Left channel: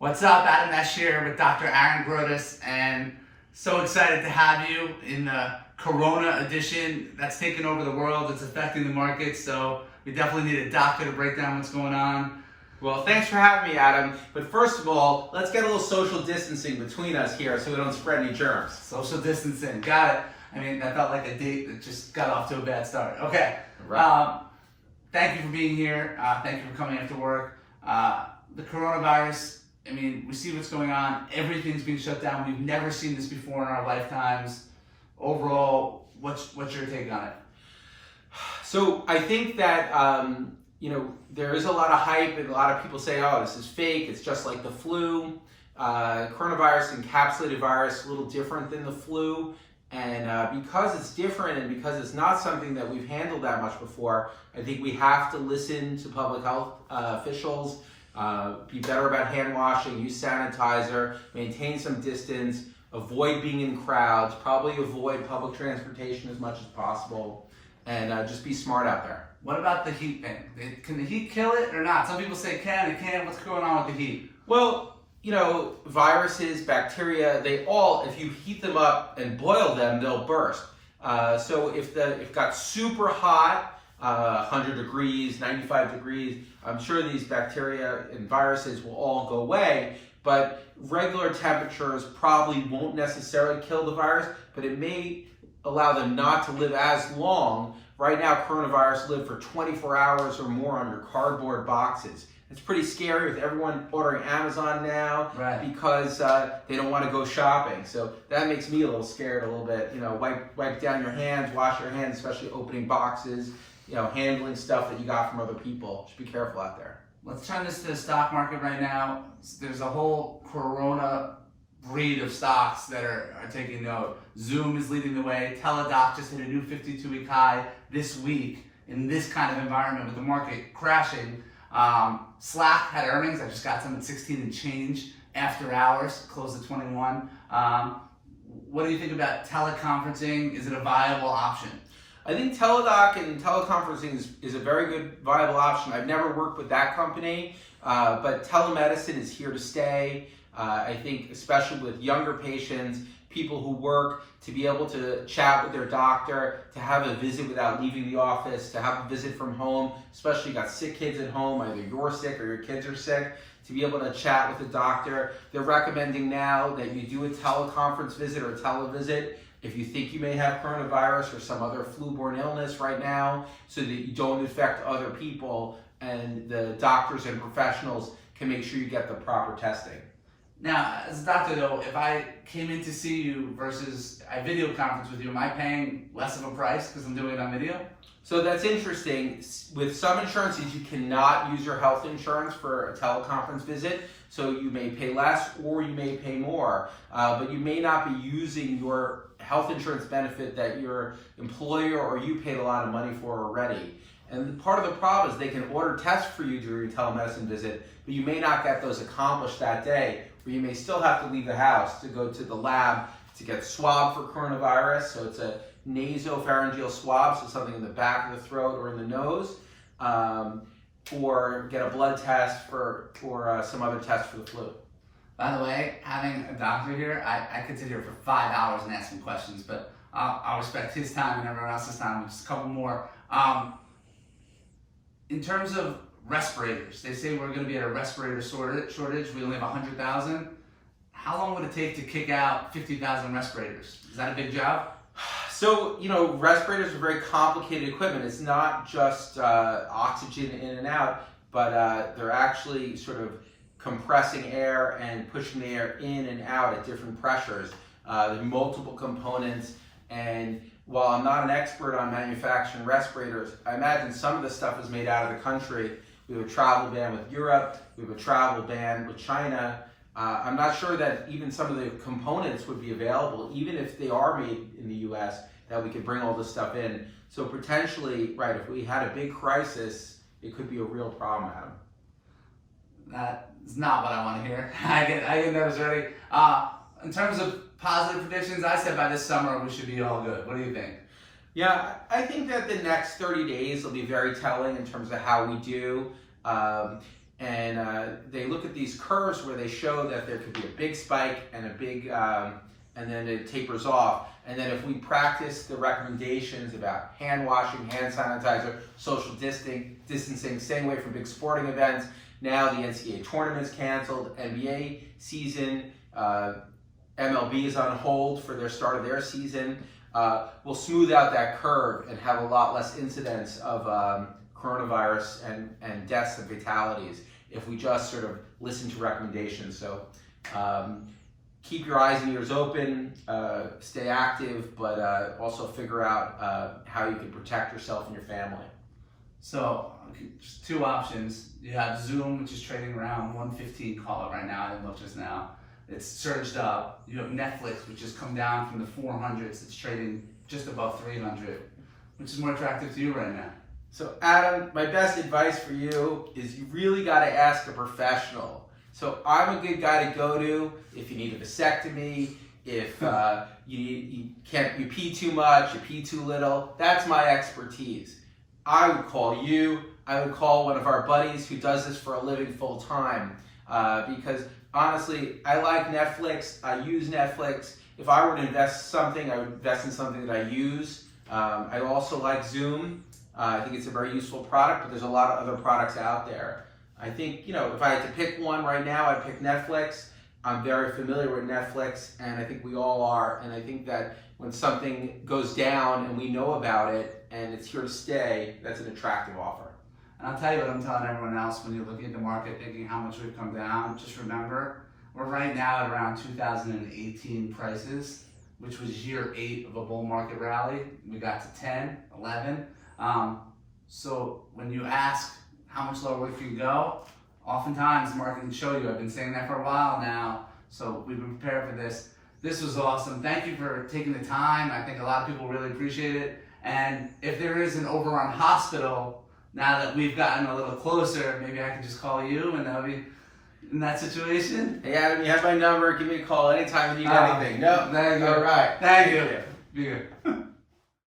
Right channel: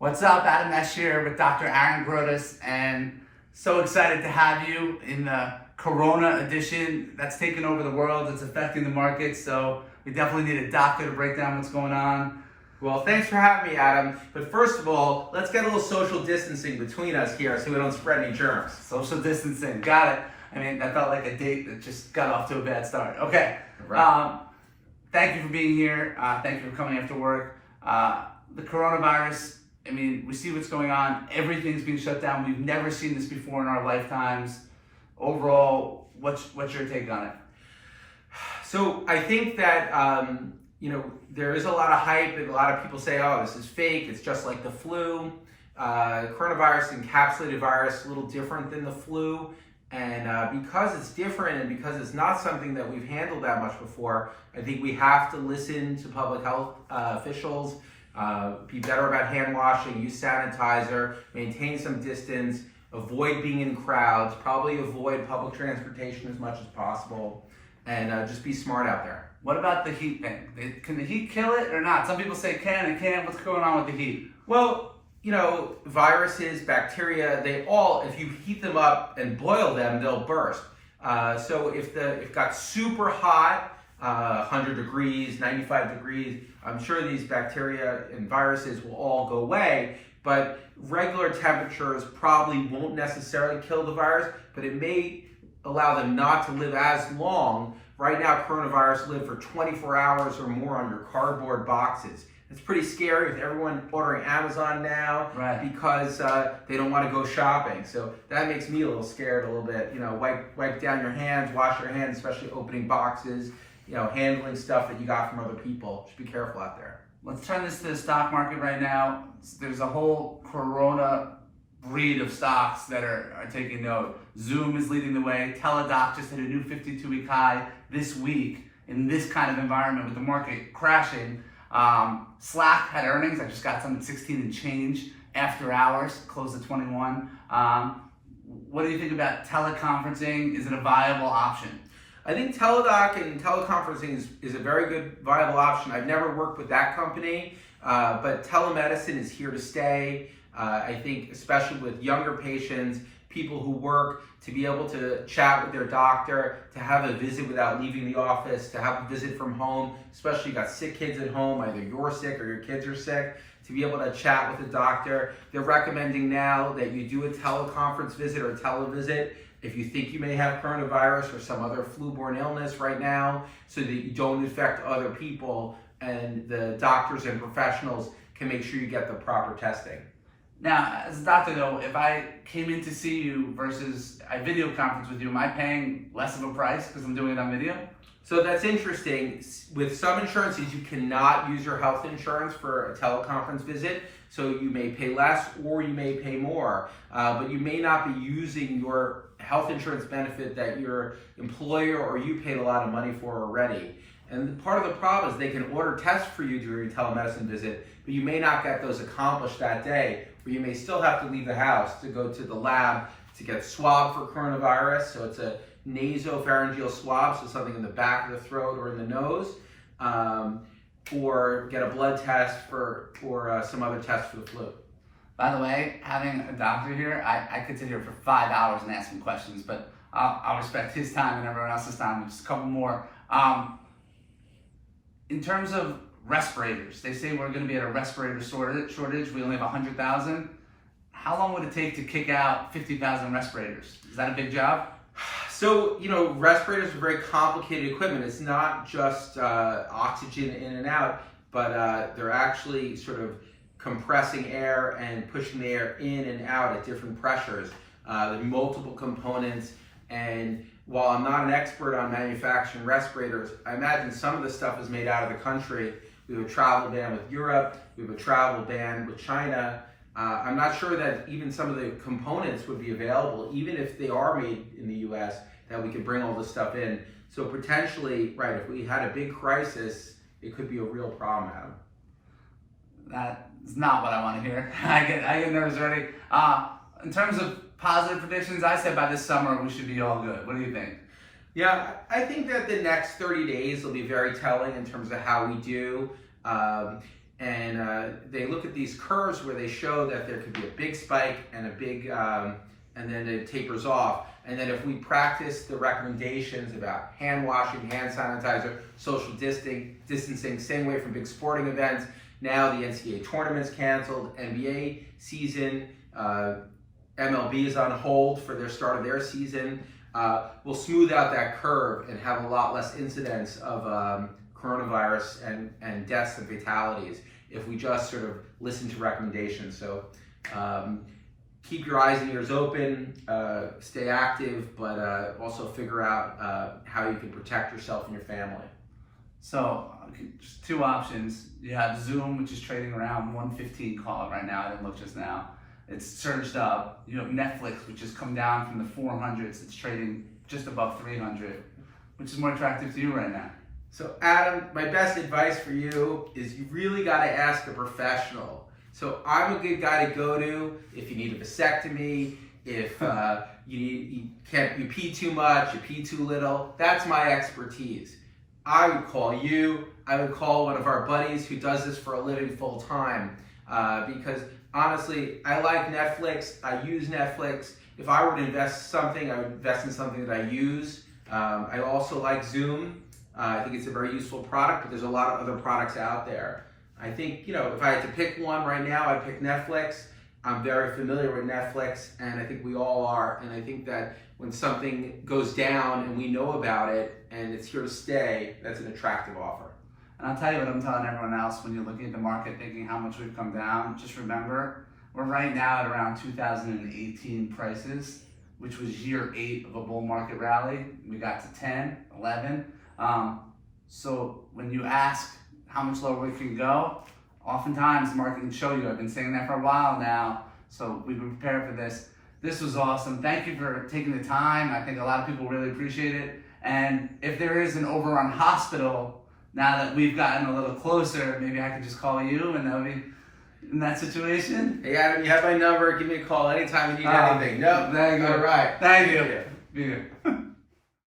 What's up? Adam Esch here with Dr. Aaron Grotus, and so excited to have you in the Corona edition that's taken over the world. It's affecting the market, so we definitely need a doctor to break down what's going on. Well, thanks for having me, Adam. But first of all, let's get a little social distancing between us here so we don't spread any germs. Social distancing, got it. I mean, that felt like a date that just got off to a bad start. Okay. Right. Thank you for being here. Thank you for coming after work. The coronavirus, I mean, we see what's going on. Everything's being shut down. We've never seen this before in our lifetimes. Overall, what's your take on it? So I think that, there is a lot of hype and a lot of people say, oh, this is fake. It's just like the flu. Coronavirus, encapsulated virus, a little different than the flu. And because it's different and because it's not something that we've handled that much before, I think we have to listen to public health officials, be better about hand washing, use sanitizer, maintain some distance, avoid being in crowds, probably avoid public transportation as much as possible, and just be smart out there. What about the heat thing? Can the heat kill it or not? Some people say it can, it can't. What's going on with the heat? Well, viruses, bacteria, they all, if you heat them up and boil them, they'll burst. So if it got super hot, 100 degrees, 95 degrees, I'm sure these bacteria and viruses will all go away, but regular temperatures probably won't necessarily kill the virus, but it may allow them not to live as long. Right now, coronavirus live for 24 hours or more on your cardboard boxes. It's pretty scary with everyone ordering Amazon now, right, because they don't want to go shopping. So that makes me a little scared a little bit. Wipe down your hands, wash your hands, especially opening boxes, handling stuff that you got from other people. Just be careful out there. Let's turn this to the stock market right now. There's a whole Corona breed of stocks that are taking note. Zoom is leading the way. Teladoc just hit a new 52-week high this week in this kind of environment with the market crashing. Slack had earnings. I just got some at 16 and change after hours, closed at 21. What do you think about teleconferencing? Is it a viable option? I think Teladoc and teleconferencing is a very good, viable option. I've never worked with that company, but telemedicine is here to stay. I think especially with younger patients, people who work, to be able to chat with their doctor, to have a visit without leaving the office, to have a visit from home, especially you got sick kids at home, either you're sick or your kids are sick, to be able to chat with the doctor. They're recommending now that you do a teleconference visit or a televisit if you think you may have coronavirus or some other flu-borne illness right now, so that you don't infect other people, and the doctors and professionals can make sure you get the proper testing. Now, as a doctor though, if I came in to see you versus a video conference with you, am I paying less of a price because I'm doing it on video? So that's interesting. With some insurances, you cannot use your health insurance for a teleconference visit. So you may pay less or you may pay more, but you may not be using your health insurance benefit that your employer or you paid a lot of money for already. And part of the problem is they can order tests for you during a telemedicine visit, but you may not get those accomplished that day, or you may still have to leave the house to go to the lab to get swabbed for coronavirus. So it's a nasopharyngeal swab, so something in the back of the throat or in the nose, or get a blood test or some other test for the flu. By the way, having a doctor here, I could sit here for 5 hours and ask him questions, but I'll respect his time and everyone else's time. Just a couple more. In terms of respirators, they say we're going to be at a respirator shortage. We only have 100,000. How long would it take to kick out 50,000 respirators? Is that a big job? So, respirators are very complicated equipment. It's not just oxygen in and out, but they're actually sort of compressing air and pushing the air in and out at different pressures. There are multiple components, and while I'm not an expert on manufacturing respirators, I imagine some of the stuff is made out of the country. We have a travel ban with Europe, we have a travel ban with China. I'm not sure that even some of the components would be available, even if they are made in the US, that we could bring all this stuff in. So potentially, right, if we had a big crisis, it could be a real problem, Adam. That is not what I want to hear. I get nervous already. In terms of positive predictions, I said by this summer we should be all good. What do you think? Yeah, I think that the next 30 days will be very telling in terms of how we do. and they look at these curves where they show that there could be a big spike and a big, and then it tapers off. And then if we practice the recommendations about hand washing, hand sanitizer, social distancing, staying away from big sporting events, now the NCAA tournament's canceled, NBA season, MLB is on hold for their start of their season. We'll smooth out that curve and have a lot less incidence of coronavirus and deaths and fatalities if we just sort of listen to recommendations. So keep your eyes and ears open, stay active, but also figure out how you can protect yourself and your family. So, just two options. You have Zoom, which is trading around 115, call it right now. I didn't look just now. It's surged up. You have Netflix, which has come down from the 400s. It's trading just above 300. Which is more attractive to you right now? So, Adam, my best advice for you is you really got to ask a professional. So, I'm a good guy to go to if you need a vasectomy, if you pee too much, you pee too little. That's my expertise. I would call you. I would call one of our buddies who does this for a living full time, because honestly, I like Netflix. I use Netflix. If I were to invest something, I would invest in something that I use. I also like Zoom. I think it's a very useful product, but there's a lot of other products out there. I think, if I had to pick one right now, I'd pick Netflix. I'm very familiar with Netflix, and I think we all are. And I think that when something goes down and we know about it and it's here to stay, that's an attractive offer. And I'll tell you what I'm telling everyone else when you're looking at the market thinking how much we've come down. Just remember, we're right now at around 2018 prices, which was year 8 of a bull market rally. We got to 10, 11. So when you ask how much lower we can go, oftentimes the market can show you. I've been saying that for a while now, so we've been prepared for this. This was awesome. Thank you for taking the time. I think a lot of people really appreciate it. And if there is an overrun hospital, now that we've gotten a little closer, maybe I could just call you and that would be in that situation. Hey Adam, you have my number. Give me a call anytime you need anything. No, thank you. All right. Thank you. Be good.